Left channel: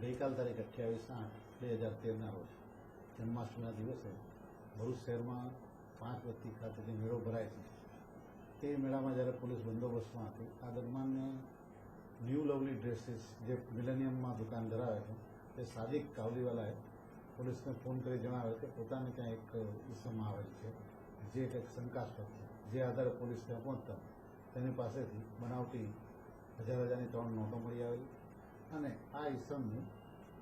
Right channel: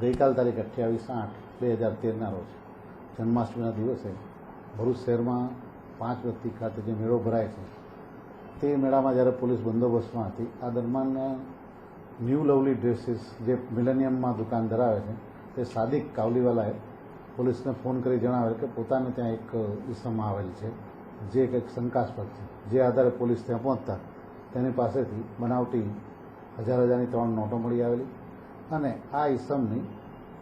ગઈકાલ તારીખ 28/8/2013ના રોજ જન્માષ્ટમીના દિવસે ભરૂચ શહેરમાં 5 વ્યક્તિ ખાતે જે મેળો ભરાય છે તે મેળામાં જ્યારે પોલીસ બંદોબસ્તમાં હતી, આ દરમિયાન ન્યૂ લવલી ડ્રેસીસ જે મિલેનિયમમાં દુકાન ધરાવે છે તે સાદિક કાવલીવાલાએ પોલીસને ફોન કરી જણાવેલ કે પોતાને ત્યાં એક ઈસમ આવેલ છે જે કંઈક શંકાસ્પદ છે, જે આધારે પોલીસ ત્યાં પહોંચતા તેની પાસેથી બનાવટી હજારની 3 નોટો મળી આવેલી અને આ ઈસમની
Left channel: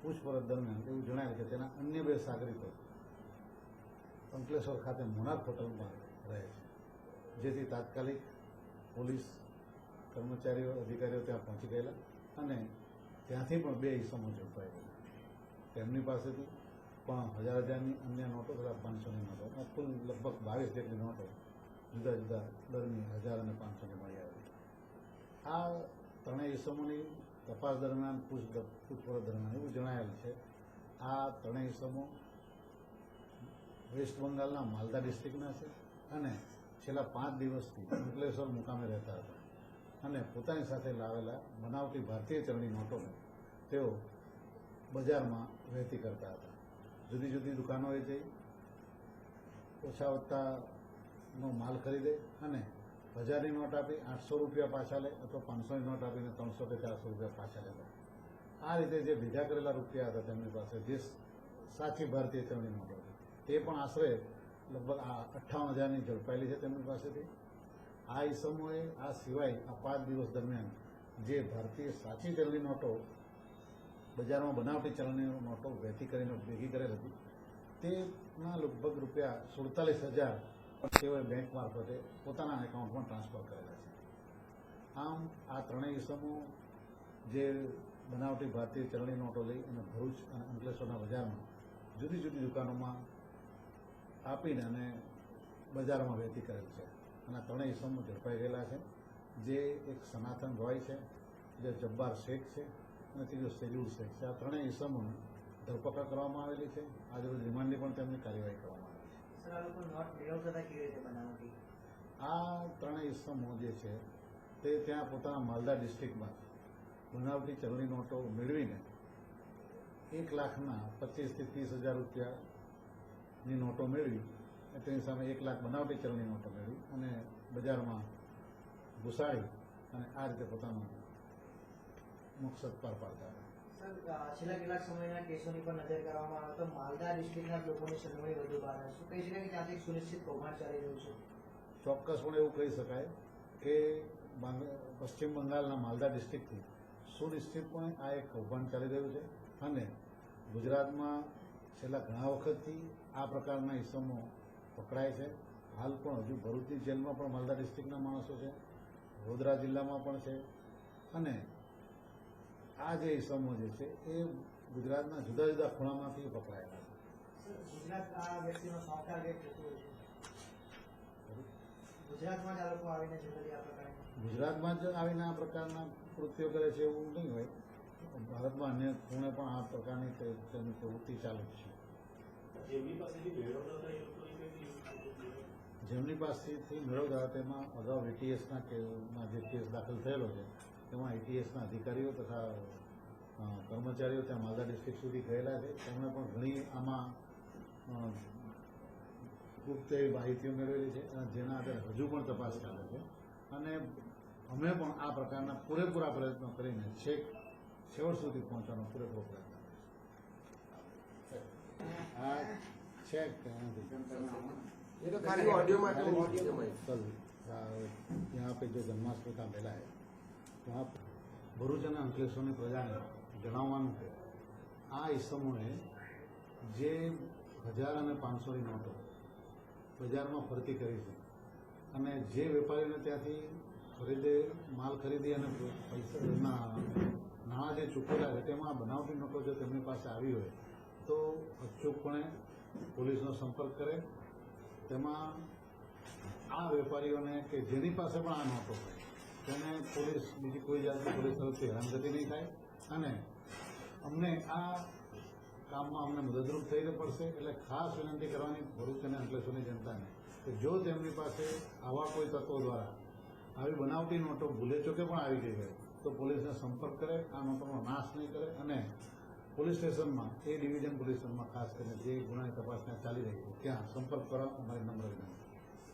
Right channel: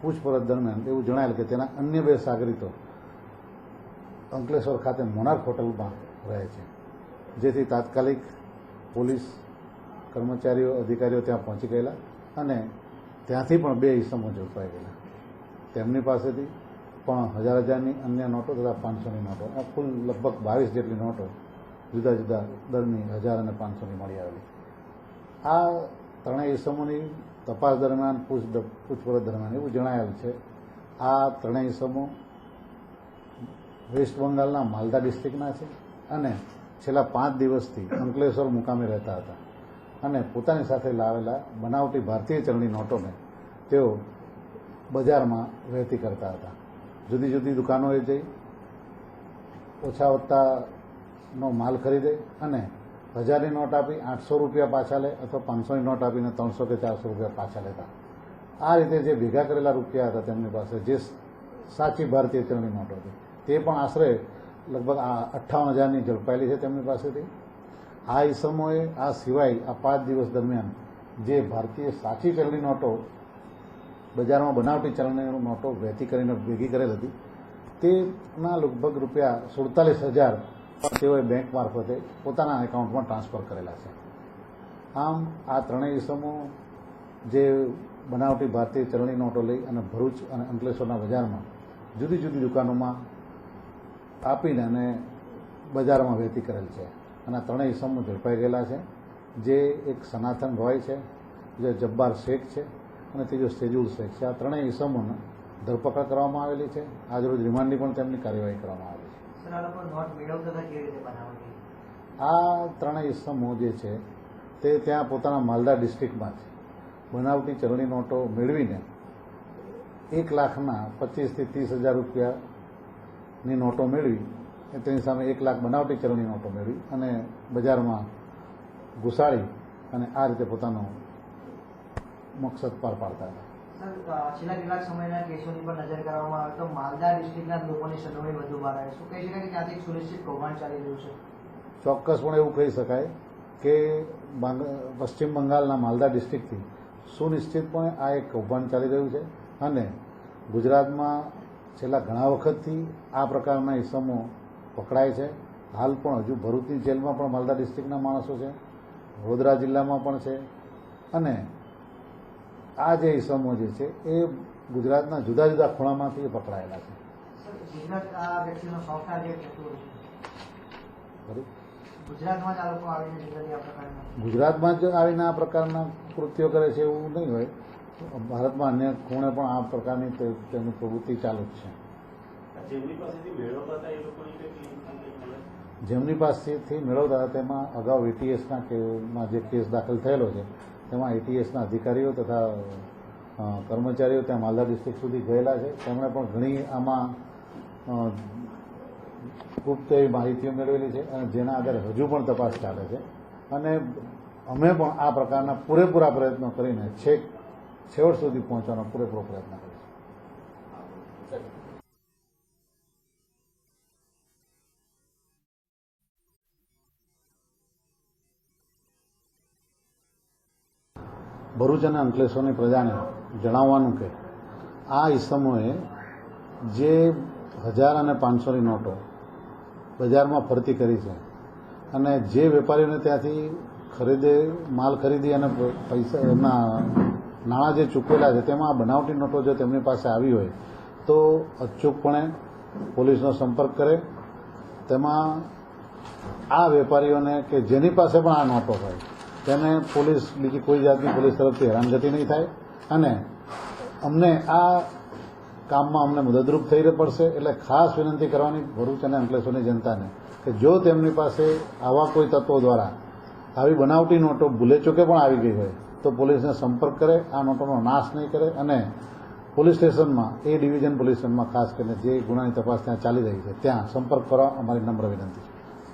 પૂછપરછ દરમિયાન એવું જણાયેલ કે તેના અન્ય 2 સાગરીતો અંકલેશ્વર ખાતે મોનાર્ક હોટલમાં રહે છે, જેથી તાત્કાલિક પોલીસ કર્મચારીઓ અધિકારીઓ ત્યાં પહોંચી ગયેલા અને ત્યાંથી પણ 2 ઈસમો ઝડપાઈ ગયેલા. તેમની પાસેથી પણ હજારની અન્ય નોટો તથા 500ની નોટો, આ કુલ લગભગ 22 જેટલી નોટો જુદા જુદા દરની 1000 અને 500ની મળી આવેલી. આ 3 ઈસમોની તપાસ દરમિયાન પૂછપરછ દરમિયાન એવું જણાયેલ છે આ 3 ઈસમો વેસ્ટ બંગાળના માલદા ડિસ્ટ્રિક્ટના છે અને છેલ્લા 5 દિવસથી અંકલેશ્વર મુકામે રહેતા હતા અને પોતાની સાથે લાવેલા બનાવટી ભારતીય ચલણી નોટોને તેઓ બજારમાં વહેતી કરતા હતા. જુદી જુદી દુકાનોએ જઈ ઓછા વત્તાનો માલ ખરીદે અને 1000ની નોટ આપી 800 રૂપિયા પાછા લે અથવા 500ની નોટ આપીને 300 કે 400 રૂપિયા પાછા લેતા. આ રીતે જે ભેગા કરેલા રૂપિયા હતા તેમની પાસે, જે સાચી ભારતીય ચલણી નોટો હતી, તે પણ આશરે લગભગ 58,000ની ઝડપાયેલી છે તેમની પાસેથી. આ ઈસમોએ આ સિવાય આ 5 દિવસ દરમિયાન જે ભારતીય સાચી ચલણી નોટો બજારમાં બનાવટી ચલણી નોટો વહેતી કરીને ભેગી કરેલ હતી, તેના લગભગ રૂપિયા 47,000 તેઓએ બેંક મારફતે પોતાના એકાઉન્ટમાં ટ્રાન્સફર કરેલા છે. આમ આ 3 ઈસમો જે બનાવટી ભારતીય ચલણી નોટો લઈ અને ભરૂચ અને અંકલેશ્વરના બજારમાં જુદી જુદી દુકાનોમાં આપીને અને બજારમાં વહેતી કરેલ છે અને આ 3 ઈસમો ઝડપાઈ ગયેલા છે, જે એક સનાતન રોય છે, જે જબ્બાર શેખ છે અને ત્રીજો સેજુલ શેખ છે. આ 3 ઈસમોને ધરપકડ કરવામાં આવેલી છે. આજરોજ રિમાન્ડની પણ તેમની કાર્યવાહી કરવામાં આવેલી છે. આ 3 ઈસમો જે છે તે ત્યાં પોતાના માલદા ડિસ્ટ્રિક્ટમાં છે બનાવટી ચલણી નોટો મેળવીને 1,25,000 થી 30,000 રૂપિયાની નોટો મેળવી, તેની સામે 1 લાખ બનાવટી ચલણી નોટો મેળવી અને બજારમાં ઘુસાડી અને આ રીતે પોતાનો મકસદ પાર પાડતા હતા. છેલ્લા કેટલાક સમયના કેસોની પર નજર કરવામાં આવે તો માલદા ડિસ્ટ્રિક્ટના લોકોની સંડોવણી વધુ બહાર આવે. શું કહી શકાય કે ત્યાંથી સુનિશ્ચિત કૌભાંડ ચાલી રહ્યું છે? ચોક્કસપણે એવું કહી શકાય કે પશ્ચિમ બંગાળના માલદા ડિસ્ટ્રિક્ટથી સુનિશ્ચિતપણે આ એક કૌભાંડ ચાલી રહ્યું છે અને ગુજરાતમાં છેલ્લા ઘણા વખતથી આ પ્રકારના ઈસમો પકડાય છે. હાલ પણ હજુ ભરૂચની જેલમાં પણ માલદા ડિસ્ટ્રિક્ટના માણસો છે, વડોદરા જિલ્લામાં પણ છે અને આ જે ઈસમો જે છે એ ગુજરાતના જુદા જુદા ખૂણામાંથી પકડાયેલા છે. ગુજરાતમાં જ આવીને આ પ્રકારના કૃત્યો કરે છે એવું નહીં હોય, ભારતમાં અન્ય ખૂણે પણ આ પ્રકારની તેમની પ્રવૃત્તિ ચાલુ જ છે. જેમની પાસેથી મેળવતા હતા તેમાં અગાઉ એટીએસના કેસમાં જે કેસ દાખલ થયેલો છે તેમાં એટીએસના અધિકારીઓ તથા કર્મચારીઓ ત્યાં માલદા ડિસ્ટ્રિક્ટ સુધી ગયેલા છે. તેમણે પણ ઘણી આમાં ગુપ્ત એવી માહિતીઓ મેળવેલી છે અને જેના આધારે હજુ પણ તપાસ ચાલે છે અને અમે પણ આ પ્રકારના પૂરેપૂરા પ્રયત્નો કરીને છેવટ સુધી પહોંચવાનો પૂરેપૂરો પ્રયત્ન કરીશું. ભરૂચ અને અંકલેશ્વરની પ્રજાને જણાવવાનું કે આ ઈસમોએ જે 1000 અને 500ની નોટો બજારમાં ફરતી કરી છે અને જે વેપારીઓને ત્યાંથી માલ ખરીદી અને પૈસા એમના નાણાં જે ચૂકવેલા છે તેમાં બનાવટી નોટો જો તેમની પાસે આવી હોય તો અચૂકપણે પોલીસનો સંપર્ક કરે. તેમાં આ વેપારીઓને કે જેની પાસે પણ આ નોટો હોય તેને બીજી કોઈ જાતની પોલીસ તરફથી હેરાનગતિ નહીં થાય અને અમને આ કામમાં અમને મદદરૂપ થઈ પડશે. એટલે ખાસ વિનંતી કરવાની ભરૂચ અને અંકલેશ્વરની જનતાને કે જો તેમની પાસે આવા કોઈ તત્વો દ્વારા આવી બનાવટી નોટો ભૂલે ચૂકે પણ આવી ગઈ હોય તો પોલીસને સંપર્ક કરે, આ નોટોનો નાશ નહીં કરે અને પોલીસ સ્ટેશનમાં એ ડિવિઝન પોલીસ સ્ટેશનમાં ખાસ કરીને જે ગુનાની તપાસ ત્યાં ચાલી રહી છે ત્યાં સંપર્ક કરવા અમારી નમ્ર વિનંતી છે.